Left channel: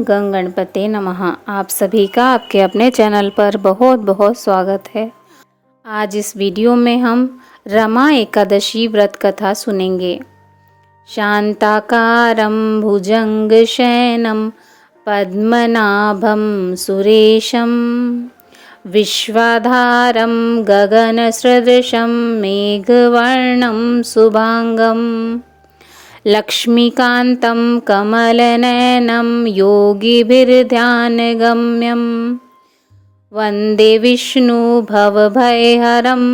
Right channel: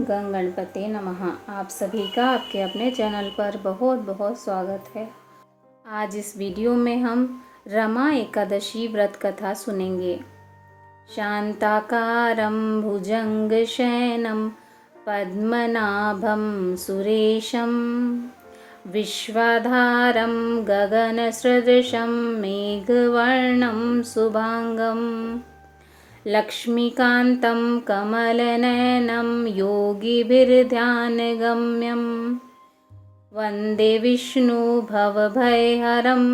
गं गणपते नमः। आप सभी का आपके अपने चैनल पर बहुत बहुत स्वागत है। आज इस वीडियो में हम रमा एकादशी व्रत कथा सुनेंगे। शांताकारं भुजंगशयनं पद्मनाभं सुरेशं विश्वाधारं गगनसदृशं मेघवर्णं शुभांगं लक्ष्मीकान्तं कमलनयनं योगिभिर्ध्यानगम्यं वन्दे विष्णु भवभयहरं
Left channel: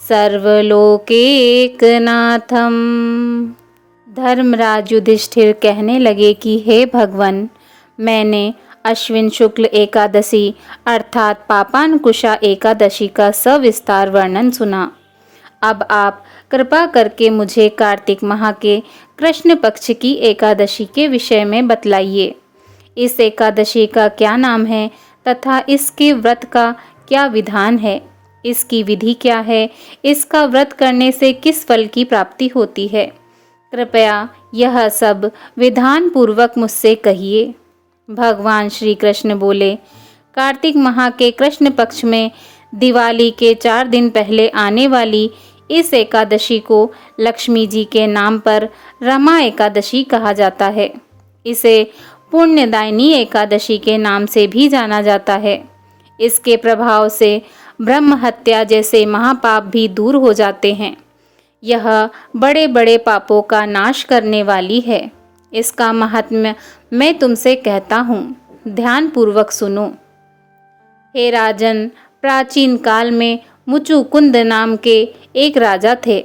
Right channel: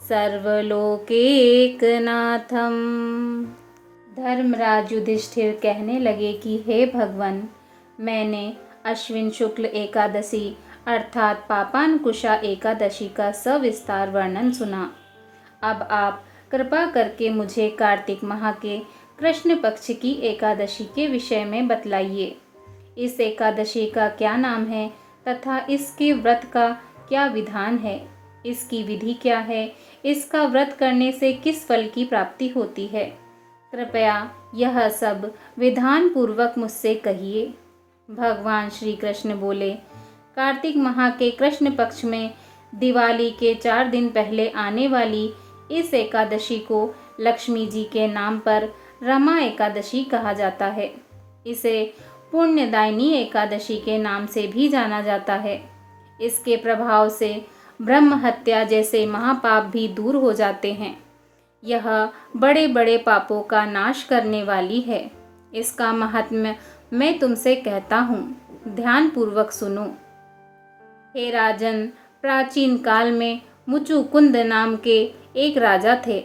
सर्वलोकैकनाथं। धर्मराज युधिष्ठिर कहने लगे कि हे भगवान, मैंने अश्विन शुक्ल एकादशी अर्थात पापांकुशा एकादशी का सविस्तार वर्णन सुना। अब आप कृपा करके मुझे कार्तिक माह के कृष्ण पक्ष की एकादशी के विषय में बतलाइए। इस एकादशी का क्या नाम है तथा इसके व्रत का क्या विधान है, इसकी विधि क्या है, इसका व्रत करने से किस फल की प्राप्ति होती है। कृपया यह सब विधान पूर्वक मुझसे कहिए। भगवान श्री कृष्ण बोले, कार्तिक माह के कृष्ण पक्ष में दिवाली के 4 दिन पहले आने वाली इस एकादशी को लक्ष्मी जी के नाम पर रमा एकादशी कहा जाता है। इसे पुण्यदायिनी एकादशी के नाम से भी जाना जाता है। इसके प्रभाव से ब्रह्म हत्या जैसे महापाप भी दूर हो जाते हैं। यह बड़े बड़े पापों का नाश करने वाली है। इसका महात्म्य मैं तुमसे कहता हूँ, ध्यान पूर्वक सुनो। हे राजन, प्राचीन काल में मुचुकुंद नाम के एक राजा थे।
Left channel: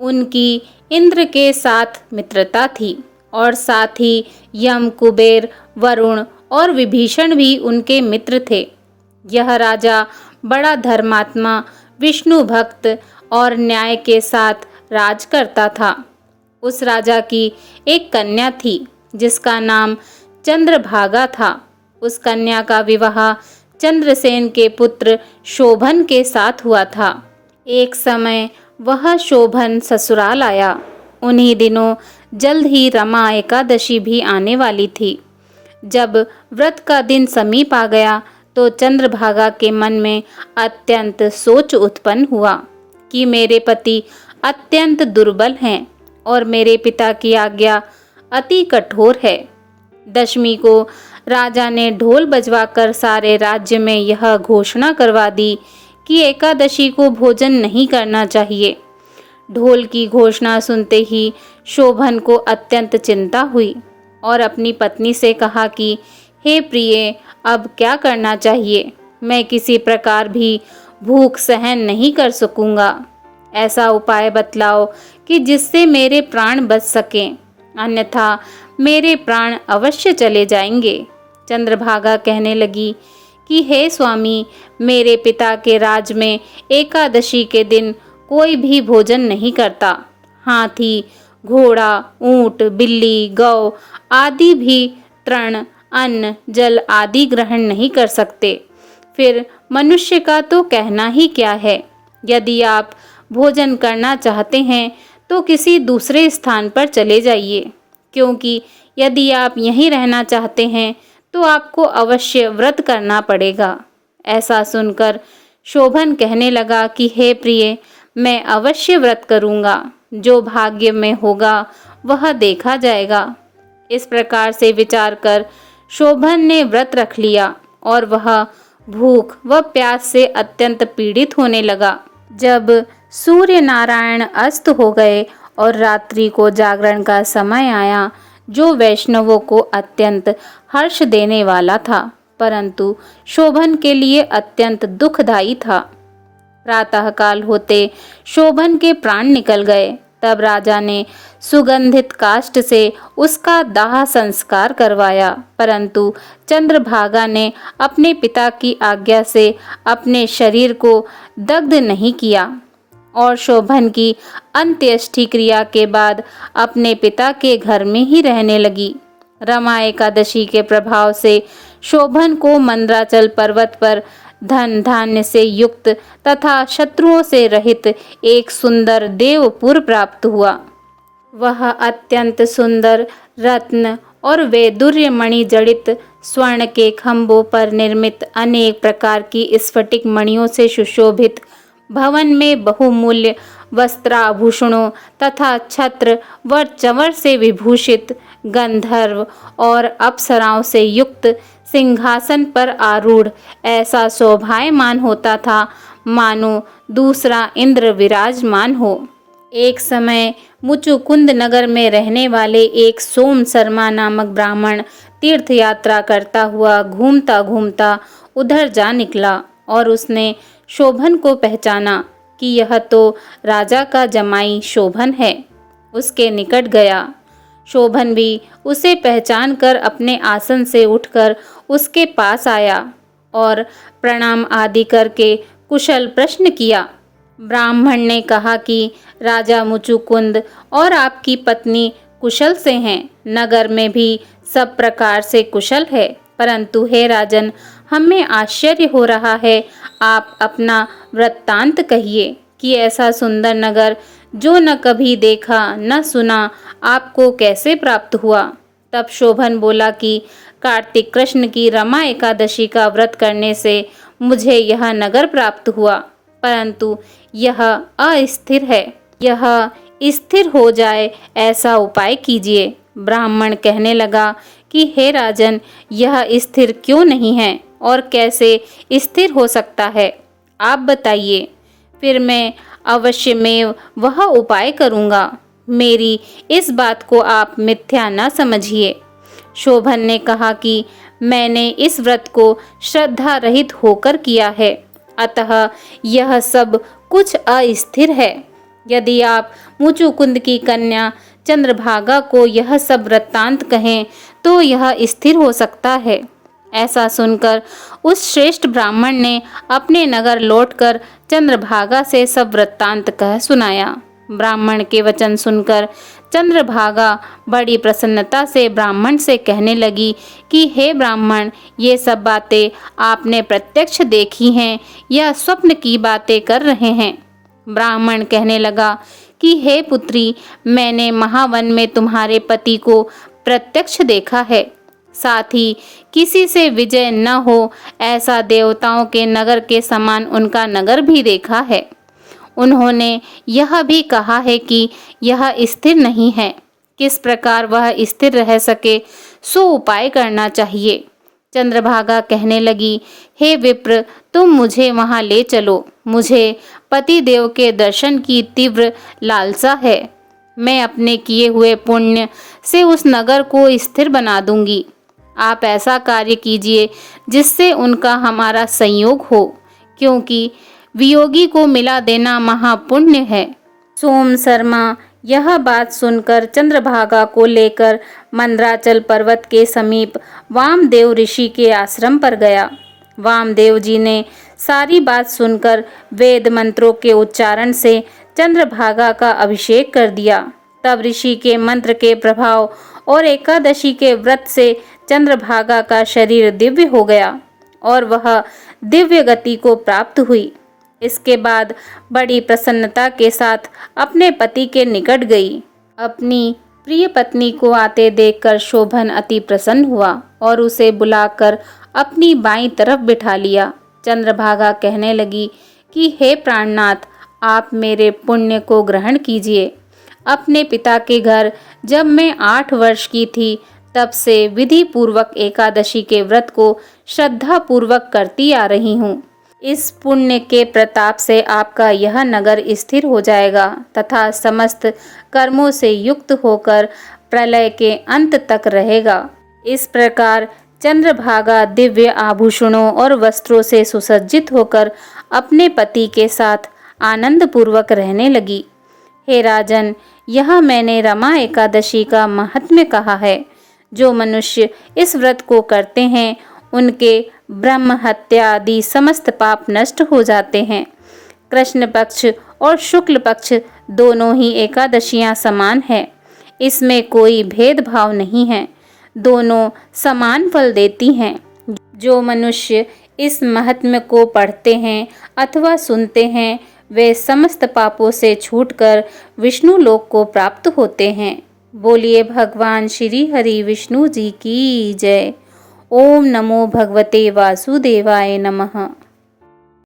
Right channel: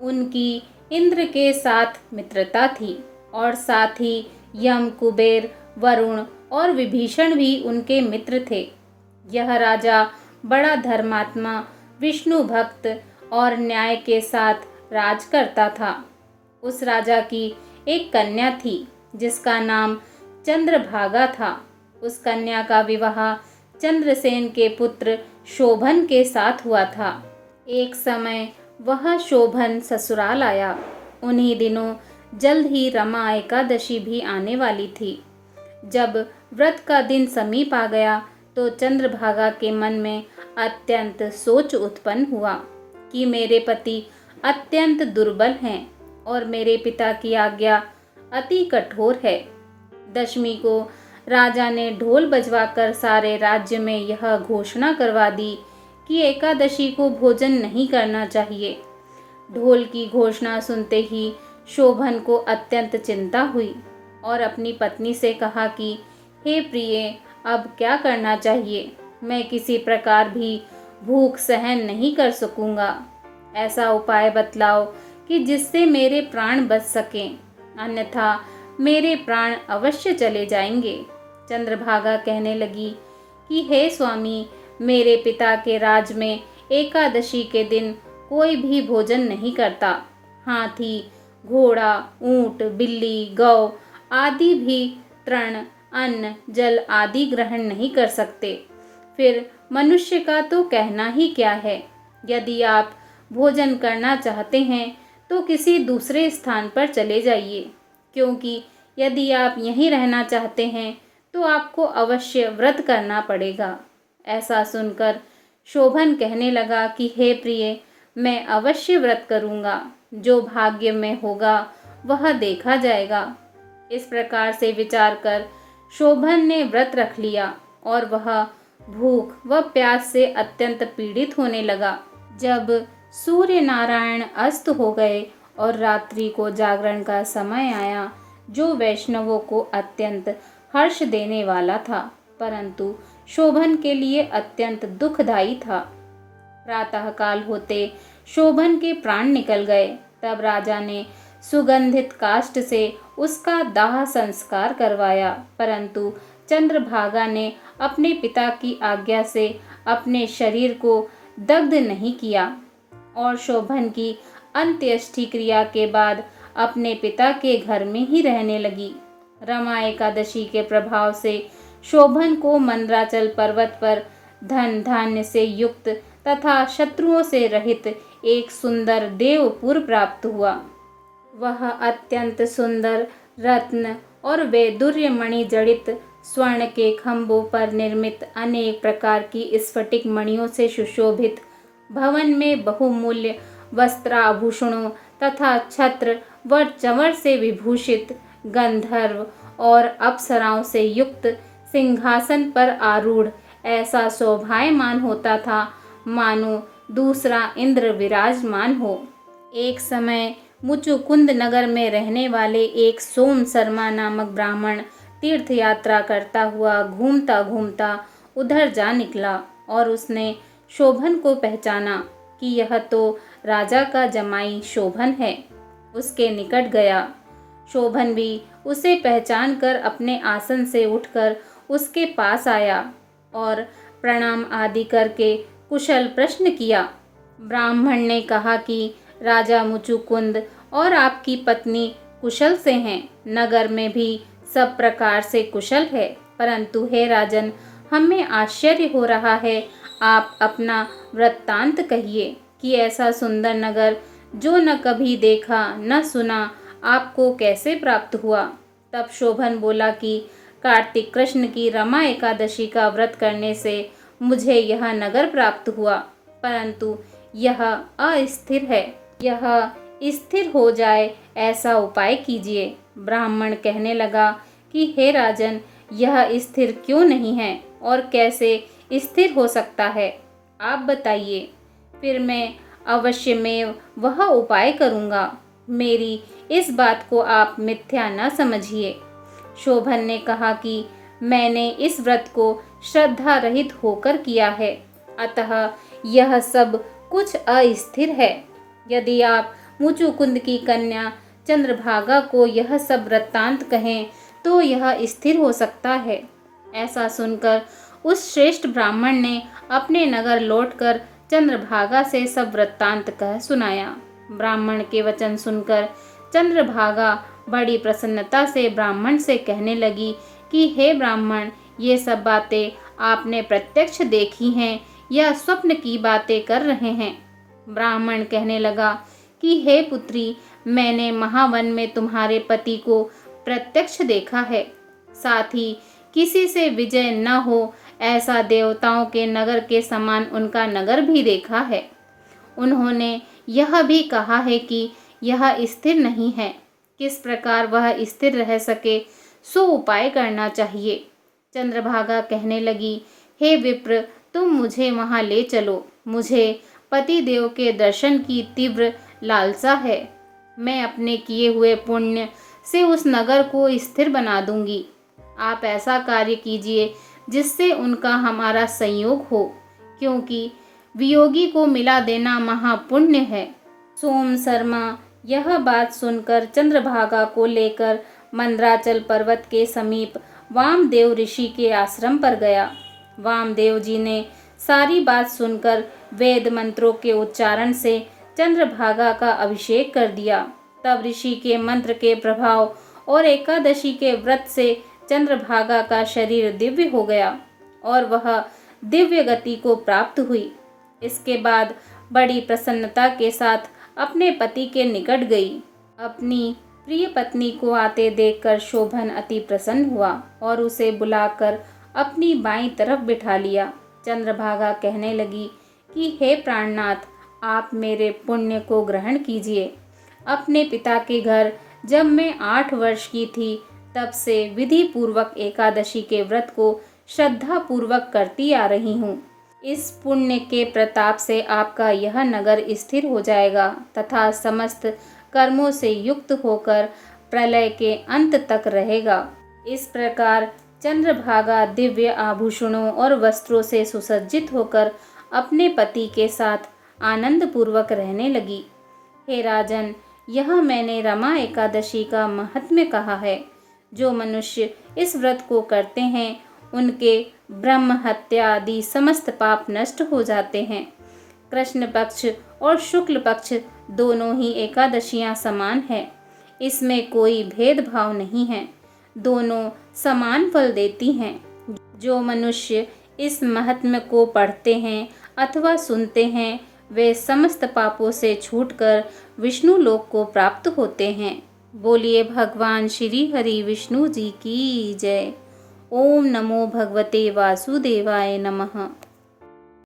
उनकी इंद्र के साथ मित्रता थी और साथ ही यम, कुबेर, वरुण और विभीषण भी उनके मित्र थे। यह राजा बड़ा धर्मात्मा, विष्णु भक्त और न्याय के साथ राज करता था। उस राजा की एक कन्या थी जिसका नाम चंद्रभागा था। उस कन्या का विवाह चंद्रसेन के पुत्र शोभन के साथ हुआ था। एक समय वह शोभन ससुराल आया। उन्हीं दिनों जल्द ही रमा एकादशी भी आने वाली थी। जब व्रत का दिन समीप आ गया तो चंद्रभागा के मन में अत्यंत सोच उत्पन्न हुआ कि मेरे पति अत्यंत दुर्बल हैं और मेरे पिता की आज्ञा अति कठोर है। दशमी को राजा ने ढोल बजवाकर सारे राज्य में यह घोषणा करवा दी कि एकादशी को भोजन नहीं करना चाहिए। ढोल की घोषणा सुनते ही शोभन को अत्यंत चिंता हुई और अपनी पत्नी से कहा कि हे प्रिय, अब क्या करना चाहिए? मैं किसी प्रकार भी भूख सहन नहीं कर सकूंगा। ऐसा उपाय बतलाओ कि जिससे मेरे प्राण बच सकें, अन्यथा मेरे प्राण अवश्य चले जाएंगे। चंद्रभागा कहने लगी कि हे स्वामी, मेरे पिता के राज में एकादशी के दिन कोई भी भोजन नहीं करता। हाथी, घोड़ा, ऊंट, बिल्ली, गौ आदि भी तृण, अन्न, जल आदि ग्रहण नहीं कर सकते। फिर मनुष्य का तो कहना ही क्या है। यदि आप भोजन करना चाहते हैं तो किसी दूसरे स्थान पर चले जाइए, क्योंकि यदि आप यहीं रहना चाहते हैं तो आपको अवश्य व्रत करना पड़ेगा। ऐसा सुनकर शोभन कहने लगा कि हे प्रिय, मैं अवश्य व्रत करूंगा। जो भाग्य में होगा वह देखा जाएगा। इस प्रकार से विचार कर शोभन ने व्रत रख लिया और वह भूख व प्यास से अत्यंत पीड़ित होने लगा। जब सूर्य नारायण अस्त हो गए और रात्रि को जागरण का समय आया, जो वैष्णवों को अत्यंत हर्ष देने वाला था, परंतु शोभन के लिए अत्यंत दुखदायी था। प्रातःकाल होते शोभन के प्राण निकल गए। तब राजा ने सुगंधित काष्ठ से उसका दाह संस्कार करवाया, परंतु चंद्रभागा ने अपने पिता की आज्ञा से अपने शरीर को दग्ध नहीं किया और शोभन की अंत्येष्टि क्रिया के बाद अपने पिता के घर में ही रहने लगी। रमा एकादशी के प्रभाव से शोभन को मंदराचल पर्वत पर धन धान्य से युक्त तथा शत्रुओं से रहित एक सुंदर देवपुर प्राप्त हुआ। वह अत्यंत सुंदर रत्न और वैदुर्य मणि जड़ित स्वर्ण के खंभों पर निर्मित अनेक प्रकार की स्फटिक मणियों से सुशोभित भवन में बहुमूल्य वस्त्राभूषणों तथा छत्र व चंवर से विभूषित गंधर्व और अप्सराओं से युक्त सिंहासन पर आरूढ़ ऐसा शोभायमान होता था मानो दूसरा इंद्र विराजमान हो। एक समय मुचुकुंद नगर में रहने वाले एक सोम शर्मा नामक ब्राह्मण तीर्थ यात्रा करता हुआ घूमता घूमता उधर जा निकला और उसने शोभन को पहचाना कि यह तो राजा का जमाई शोभन है। उसके निकट गया। शोभन भी उसे पहचान कर अपने आसन से उठकर उसके पास आया और प्रणाम आदि करके कुशल प्रश्न किया। ब्राह्मण ने कहा कि राजा मुचुकुंद और आपकी पत्नी कुशल से हैं। नगर में भी सब प्रकार से कुशल है, परंतु हे राजन, हमें आश्चर्य हो रहा है। आप अपना वृत्तांत कहिए कि ऐसा सुंदर नगर जो न कभी देखा न सुना आपको कैसे प्राप्त हुआ। तब शोभन बोला कि कार्तिक कृष्ण की रमा एकादशी का व्रत करने से मुझे यह नगर प्राप्त हुआ, परंतु यह अस्थिर है। यह स्थिर हो जाए ऐसा उपाय कीजिए। ब्राह्मण कहने लगा कि हे राजन, यह स्थिर क्यों नहीं है और कैसे स्थिर हो सकता है, आप बताइए, फिर मैं अवश्यमेव वह उपाय करूँगा। मेरी इस बात को आप मिथ्या न समझिए। शोभन ने कहा कि मैंने इस व्रत को श्रद्धा रहित होकर किया है, अतः यह सब कुछ अस्थिर है। यदि आप मुचुकुंद की कन्या चंद्रभागा को यह सब वृत्तांत कहें तो यह स्थिर हो सकता है। ऐसा सुनकर उस श्रेष्ठ ब्राह्मण ने अपने नगर लौटकर चंद्रभागा से सब वृत्तांत कह सुनाया। ब्राह्मण के वचन सुनकर चंद्रभागा बड़ी प्रसन्नता से ब्राह्मण से कहने लगी कि हे ब्राह्मण, ये सब बातें आपने प्रत्यक्ष देखी हैं या स्वप्न की बातें कर रहे हैं। ब्राह्मण कहने लगा कि हे पुत्री, मैंने महावन में तुम्हारे पति को प्रत्यक्ष देखा है, साथ ही किसी से विजय न हो ऐसा देवताओं के नगर के समान उनका नगर भी देखा है। उन्होंने यह भी कहा है कि यह स्थिर नहीं है। किस प्रकार वह स्थिर रह सके सो उपाय करना चाहिए। चंद्रभागा कहने लगी, हे विप्र, तुम मुझे वहां ले चलो। मुझे पति देव के दर्शन की तीव्र लालसा है। मैं अपने किए हुए पुण्य से उस नगर को स्थिर बना दूंगी। आप ऐसा कार्य कीजिए जिससे उनका हमारा संयोग हो, क्योंकि वियोगी को मिला देना महापुण्य है। सोम शर्मा यह बात सुनकर चंद्रभागा को लेकर मंदराचल पर्वत के समीप वामदेव ऋषि के आश्रम पर गया। वामदेव जी ने सारी बात सुनकर वेद मंत्रों के उच्चारण से चंद्रभागा का अभिषेक कर दिया। तब ऋषि के मंत्र के प्रभाव और एकादशी के व्रत से चंद्रभागा का शरीर दिव्य हो गया और वह दिव्य गति को प्राप्त हुई। इसके बाद बड़ी प्रसन्नता के साथ अपने पति के निकट गई। अपनी प्रिय पत्नी को आते देखकर शोभन अति प्रसन्न हुआ और उसे बुलाकर अपनी बाईं तरफ बिठा लिया। चंद्रभागा कहने लगी कि हे प्राणनाथ, आप मेरे पुण्य को ग्रहण कीजिए। अपने पिता के घर जब मैं 8 वर्ष की थी तब से विधि पूर्वक एकादशी के व्रत को श्रद्धा पूर्वक करती आ रही हूँ। इस पुण्य के प्रताप से आपका यह नगर स्थिर हो जाएगा तथा समस्त कर्मों से युक्त होकर प्रलय के अंत तक रहेगा। इस प्रकार चंद्रभागा दिव्य आभूषणों और वस्त्रों से सुसज्जित होकर अपने पति के साथ आनंद पूर्वक रहने लगी। हे राजन, यह मैंने रमा एकादशी का महात्म्य कहा है। जो मनुष्य इस व्रत को करते हैं उनके ब्रह्म हत्या आदि समस्त पाप नष्ट हो जाते हैं। कृष्ण पक्ष और शुक्ल पक्ष दोनों ही एकादशियां समान है। इसमें कोई भेदभाव नहीं है, दोनों समान फल देती हैं। जो मनुष्य इस महात्म्य को पढ़ते हैं अथवा सुनते हैं वे समस्त पापों से छूटकर विष्णु लोक को प्राप्त होते हैं। बोलिए भगवान श्री हरि विष्णु जी की जय। ओम नमो भगवते वासुदेवाय नमः।